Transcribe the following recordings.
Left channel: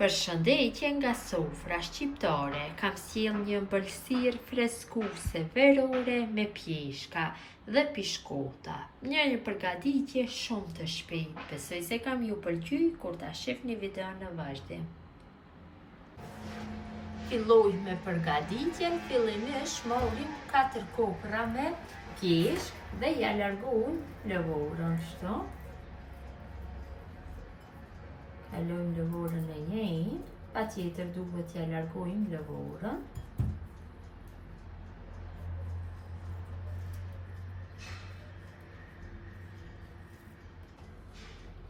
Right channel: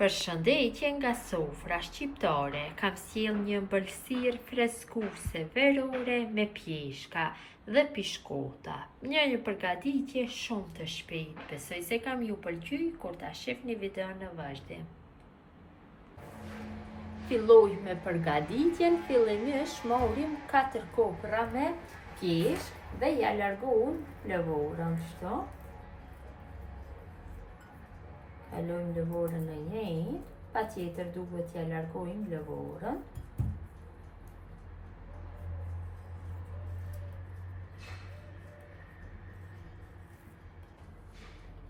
Përshëndetje nga sofra shqiptare, kam sjell një ëmbëlsirë freskuse verore me pjeshka dhe pishkota. Një përgatitje shumë të shpejtë, besoj se kam ju pëlqy kur ta shihni videon në vazhdim. Filloj me përgatitjen, fillimisht morim 4 kopra me pjeshk dhe ja largojmë lëvorën kështu. Kalojmë lëvorën në njëjtë, patjetër duhet ja largojmë lëvorën.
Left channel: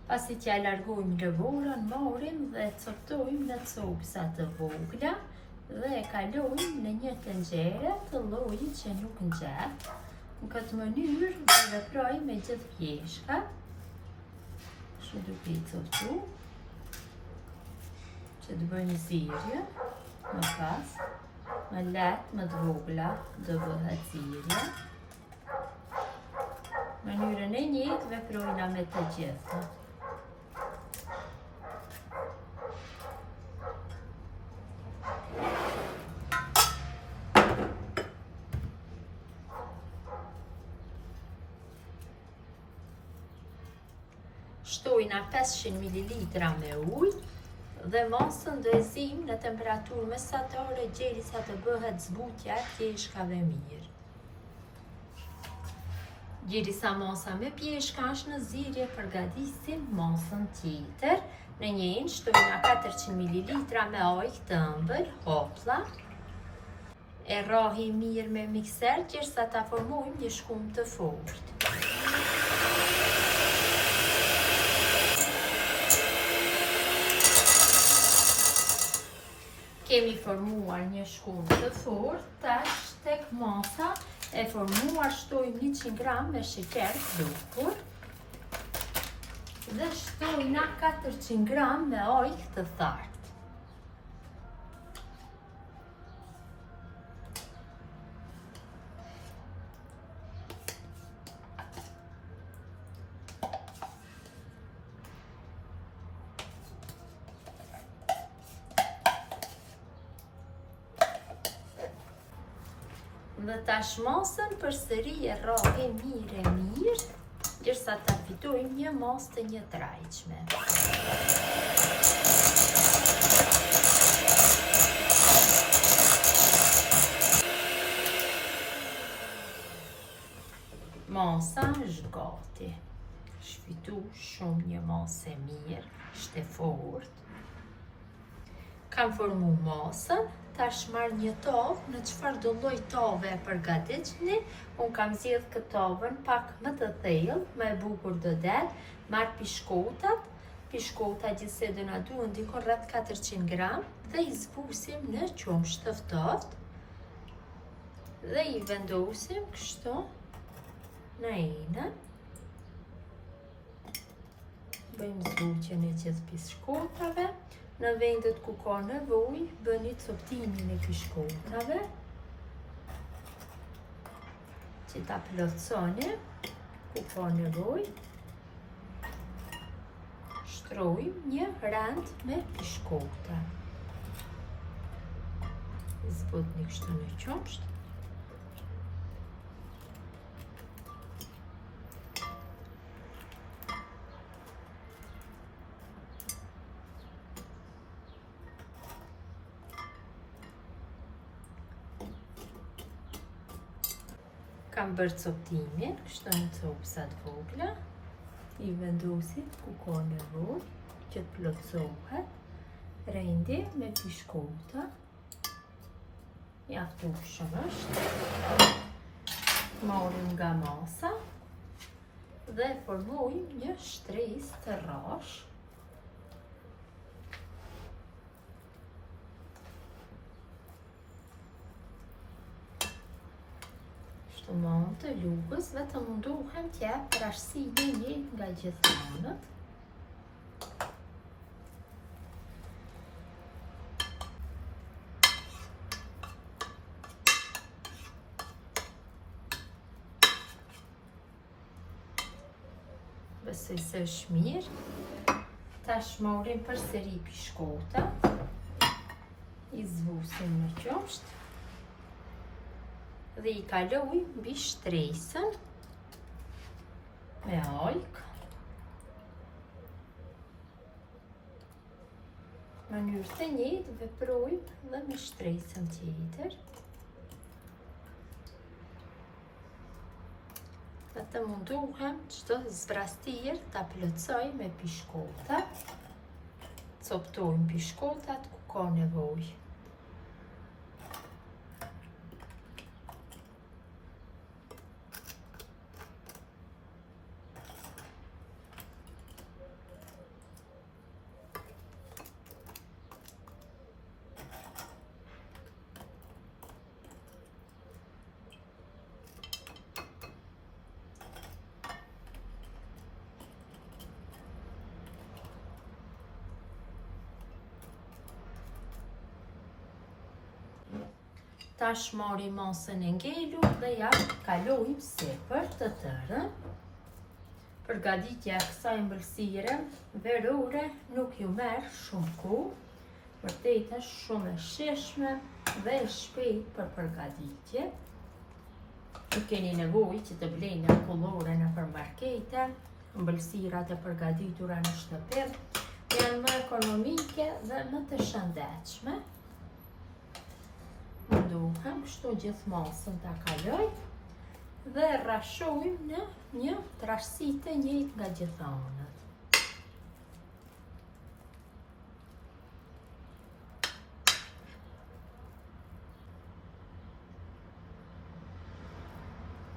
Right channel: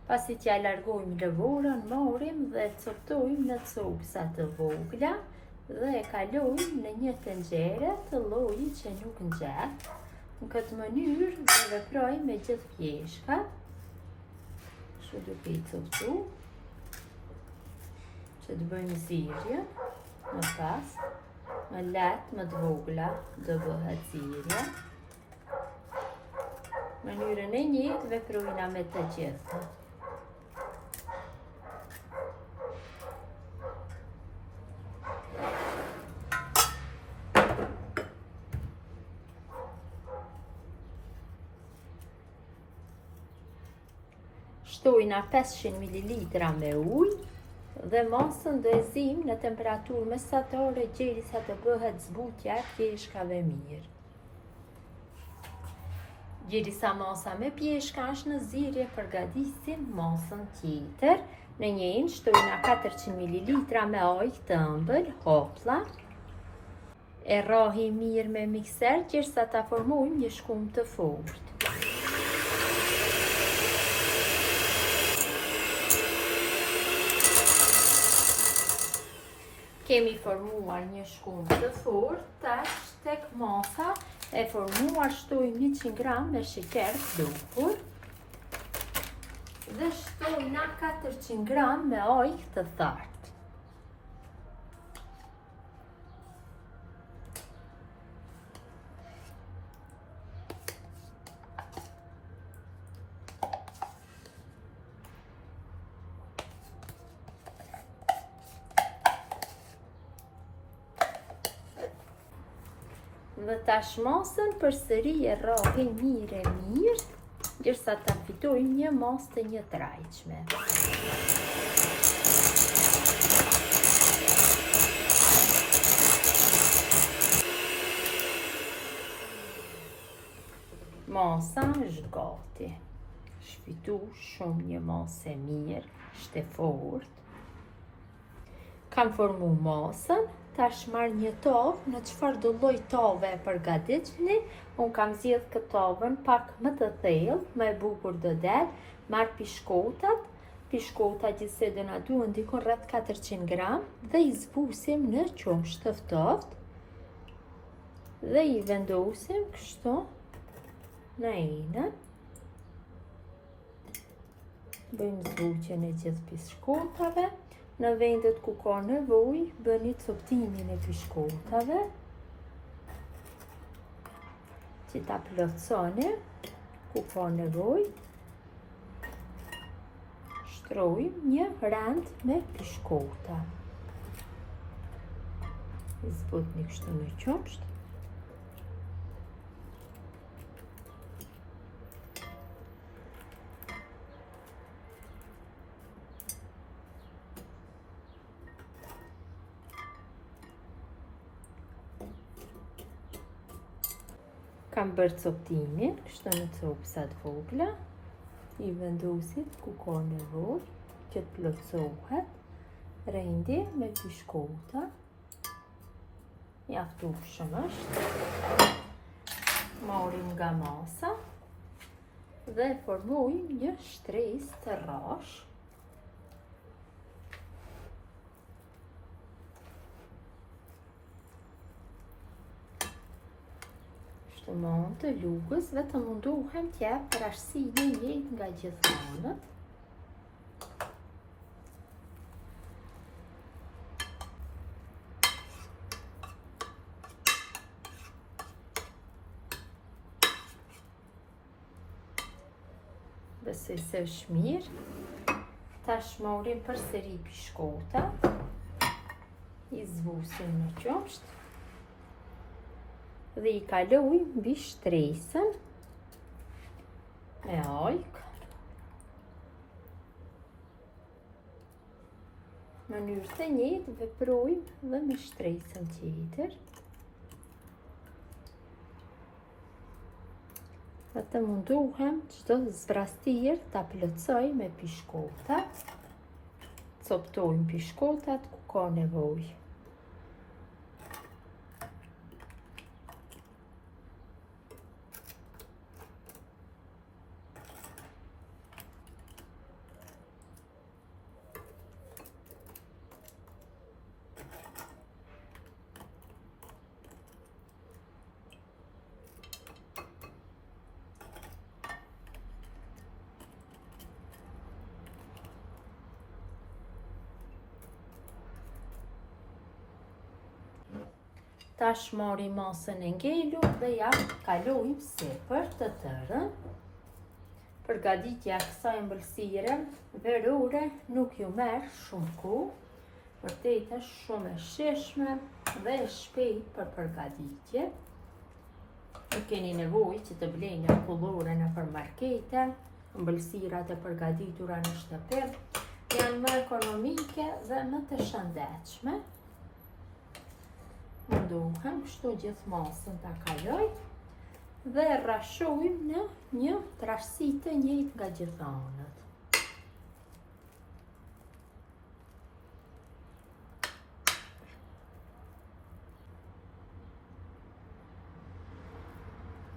Pasi t'ja largojmë lëvorën, morim dhe coptojmë në copsa të vogla dhe e kalojmë në një tenxhere të llojit që nuk ngjet. Në këtë mënyrë veproj me gjithë pjeshkat, kështu duke i coptuar, që të bëjmë zirje, më pas, më letë, më të vogla, do bëhet zirje. Mënyrën e njëjtë veprojna me të gjitha. Shtojna 500 ml me ujë dhe mosën do e zim në temperaturë mesatare derisa të bëhet zbutja e pjeshkave mirë. Derisa mosa me pjeshka është në zirje, përgatisim mosën tjetër. Në njëjtë shtojna 400 ml me ujë të ëmbël, hoplla. E rrohim mirë me mikser derisa ta formojmë një shkum të fortë. Kemi formuar një shkum të fortë, tash tek mosa e formuar shtojmë 100 gram me sheqer bukur dhe shtojna 400 gram me ujë të thartë. Dhe tash mosën përsëri e rrohim mirë, derisa ta fitojmë një mos të njëtrajtshme. Mosa është gati. Shfitu shumë një mosë e mirë, është e fortë. Kam formu mosën, tash marr një tovë, në çfarë do lloj tove e përgatitni. Unë kam zgjedh këtë tovën pak më të thellë, më e bukur do del. Marr pishkotat, gjithsej do na duhen diku rreth 400 gram dhe i zbusim në qumsh të ftohtë dhe i vendosim kështu në enën. Bëjmë zbutjen e gjithë pishkotave. Në vendet ku ka nevojë, bëni coptimin e pishkotave, që ta plotësoni, ku ka nevojë. Shtrojmë një rand me pishkota. Zbutni kështu në qumsht. Kam bërë coptimin, kështu në copsat vogla, i vendosit ku ka nevojë që të plotësohet, rendi me pishkota, mjaftueshëm është. Marrim nga masa dhe formojmë një shtresë të rrashë. Mund të lugës, vetëm mundohem t'ja rashësi një nga gjithë anët. Besoj se është mirë. Tash morim përsëri pishkota. I zvusim në qosht. Dhe I kaloj mbi shtresën me alk. Në mënyrë të njëjtë veprojmë dhe me shtresën tjetër. Dhe të munduhem çdo zvrastir ta plotësoj me pishkota. Coptojmë pishkotat ku ka nevojë. Tash morim masën e ngelur dhe ja kalojmë sipër të tërën. Përgatitja e kësaj ëmbëlsire verore nuk ju merr shumë kohë, vërtet është shumë e shijshme dhe e shpejtë për përgatitje. Nuk keni nevojë që të bleni akullore nëpër markete, ëmbëlsirat e përgatitura në shtëpi janë më ekonomike dhe më të shëndetshme. Munduhem kështu gjithë masën ta kaloj dhe rrashojmë në një trashësi të njëjtë nga gjithë anët.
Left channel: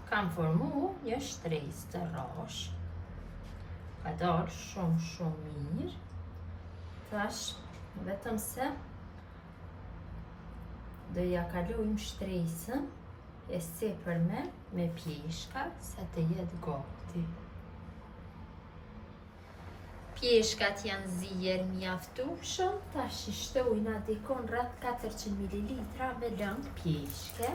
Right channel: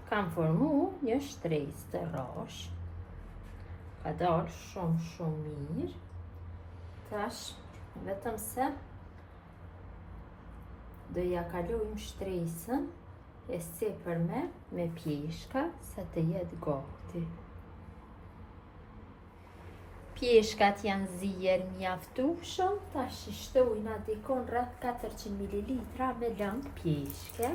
Kam formu një shtresë të rrashë. Ka dalë shumë mirë. Tash vetëm se do ja kalojmë shtresën e sipërme me pjeshka sa të jetë gati. Pjeshkat janë zier mjaftueshëm, tash I shtojna dikon rreth 400 ml me lëng pjeshke.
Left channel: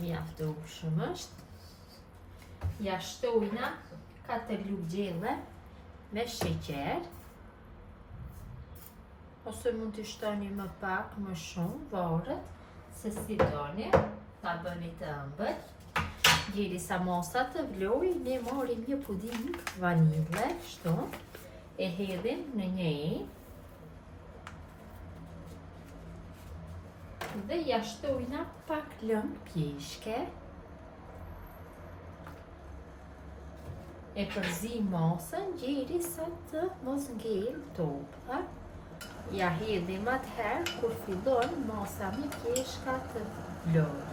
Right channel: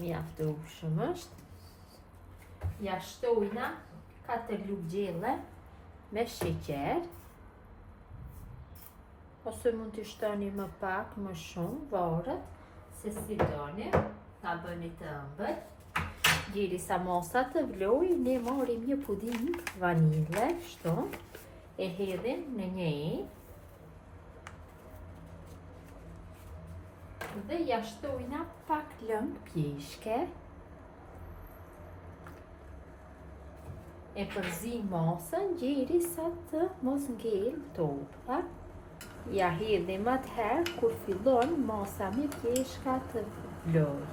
Mjaftueshëm është. Ja shtojna 4 lugë gjelle me sheqer. Ose mund të shtoni më pak, më shumë, varet se si doni, ta bëni të ëmbël. Derisa masa të vlojë, ne marrim një puding vanile, kështu, e hedhim në një dhe ja shtojna pak lëng pjeshke. E përzim masën derisa të mos ngel topka. Ja hedhim atëherë kur fillon masa me pjeshka të vlojë.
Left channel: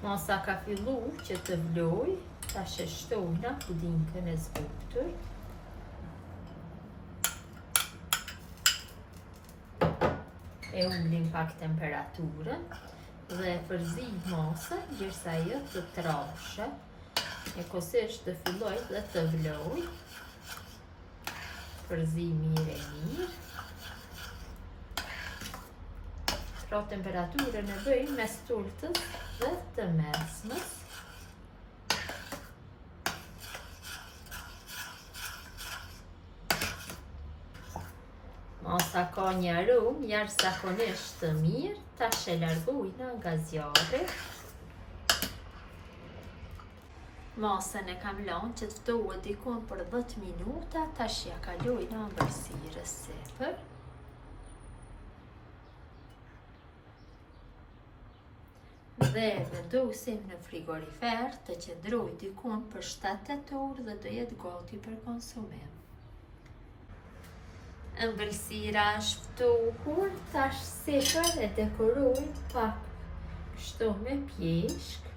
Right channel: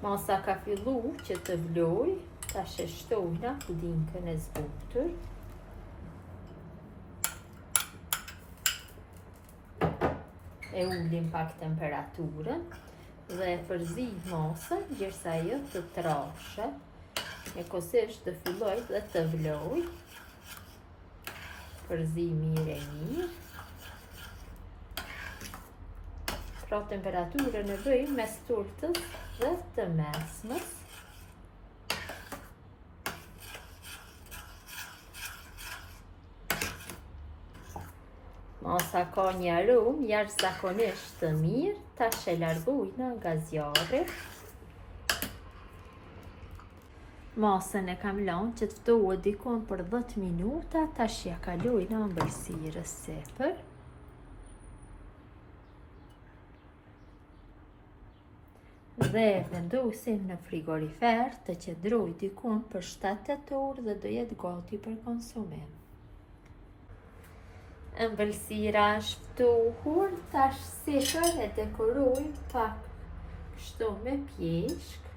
Masa ka fillu që të vlojë, tash e shtojna pudingën e zbutur. E ullim pak temperaturën dhe e përzim masën derisa ajo të trashet. E kosisht të filloj dhe të vlojë. Përzim mirë. Pra temperaturën e bëjmë mes turtës dhe të mesmës. Masa ka një aromë jashtëzakonisht të mirë, tash e largojna nga zjarri. Masën e kam lënë që të ftohet dikon për 10 minuta, tash ja kalojna ëmbëlsirës sipër. Dhe vendosim në frigorifer të qëndroj dikon për 7-8 orë dhe do jetë gati për konsumim. Ëmbëlsira është ftohur, tash sipër e dekoroj pak kështu me pjeshk.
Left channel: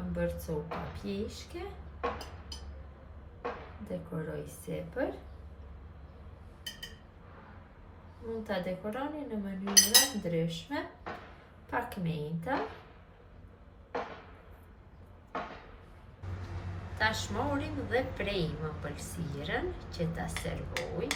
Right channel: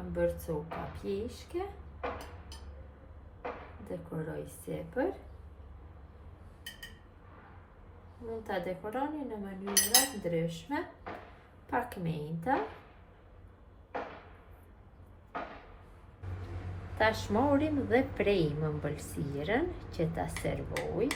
Kam bërë copa pjeshke, dekoroj sipër. Mund ta dekoroni në mënyra ndryshme, pak menta. Tash morim dhe prejmë ëmbëlsirën që ta servoj.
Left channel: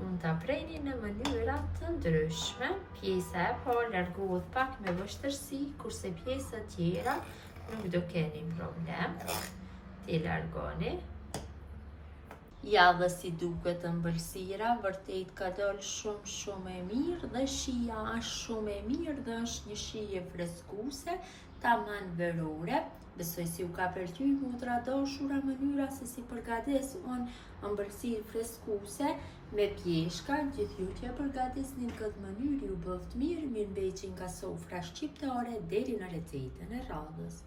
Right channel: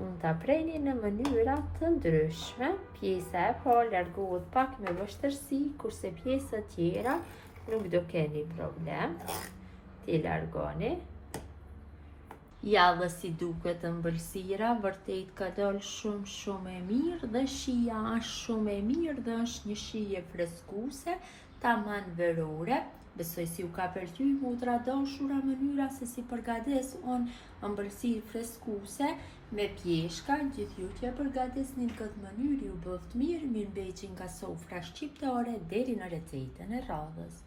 Mund mund ta preni në mënyra të ndryshme. Pjesa e parë largohet pak me vështirësi, kurse pjesët tjera nuk do keni problem. Ti largoni. Ja dhe si duket ëmbëlsira, vërtet ka dalë shumë e mirë dhe shija është shumë e mirë dhe është një shije freskuese, tamam verore. Besoj si u ka pëlqyer motra dashura mënyra se si përgatis unë ëmbëlsirë freskuese me pjeshka. Gjithë ju që përgatisni në këtë mënyrë ju bëft mirë, mirëmbëjtje nga sofra shqiptare deri në recetën e radhës.